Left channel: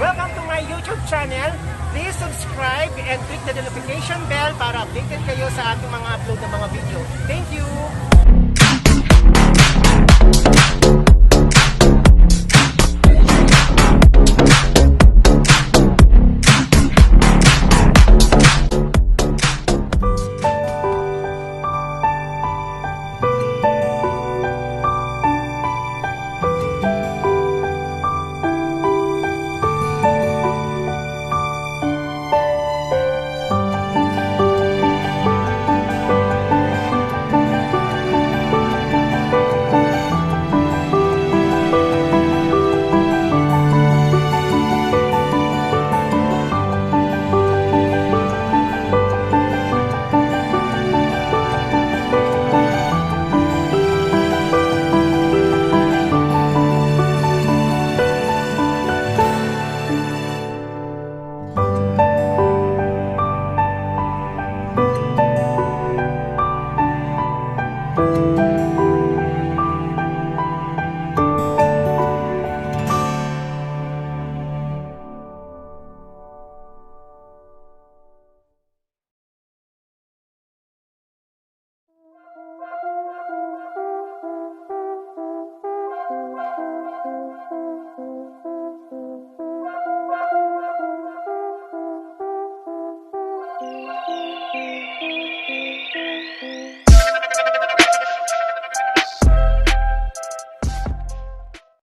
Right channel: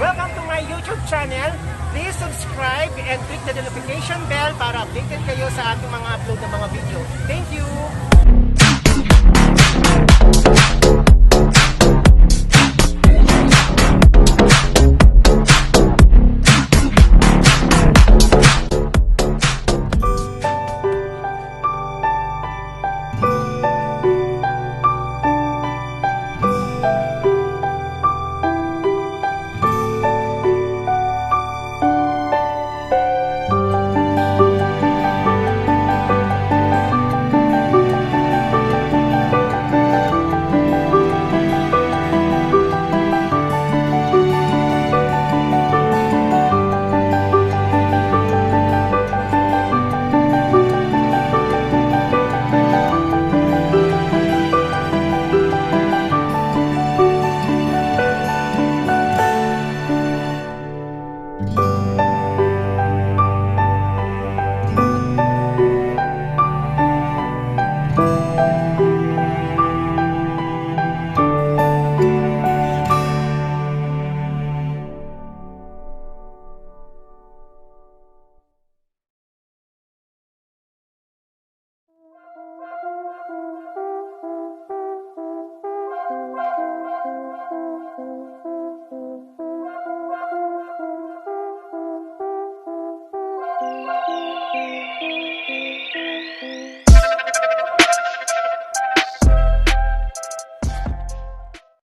Welcome to my YouTube channel. Please subscribe and click the notification bell para updated kayo sa ating mga upload ng mga video. Thank you!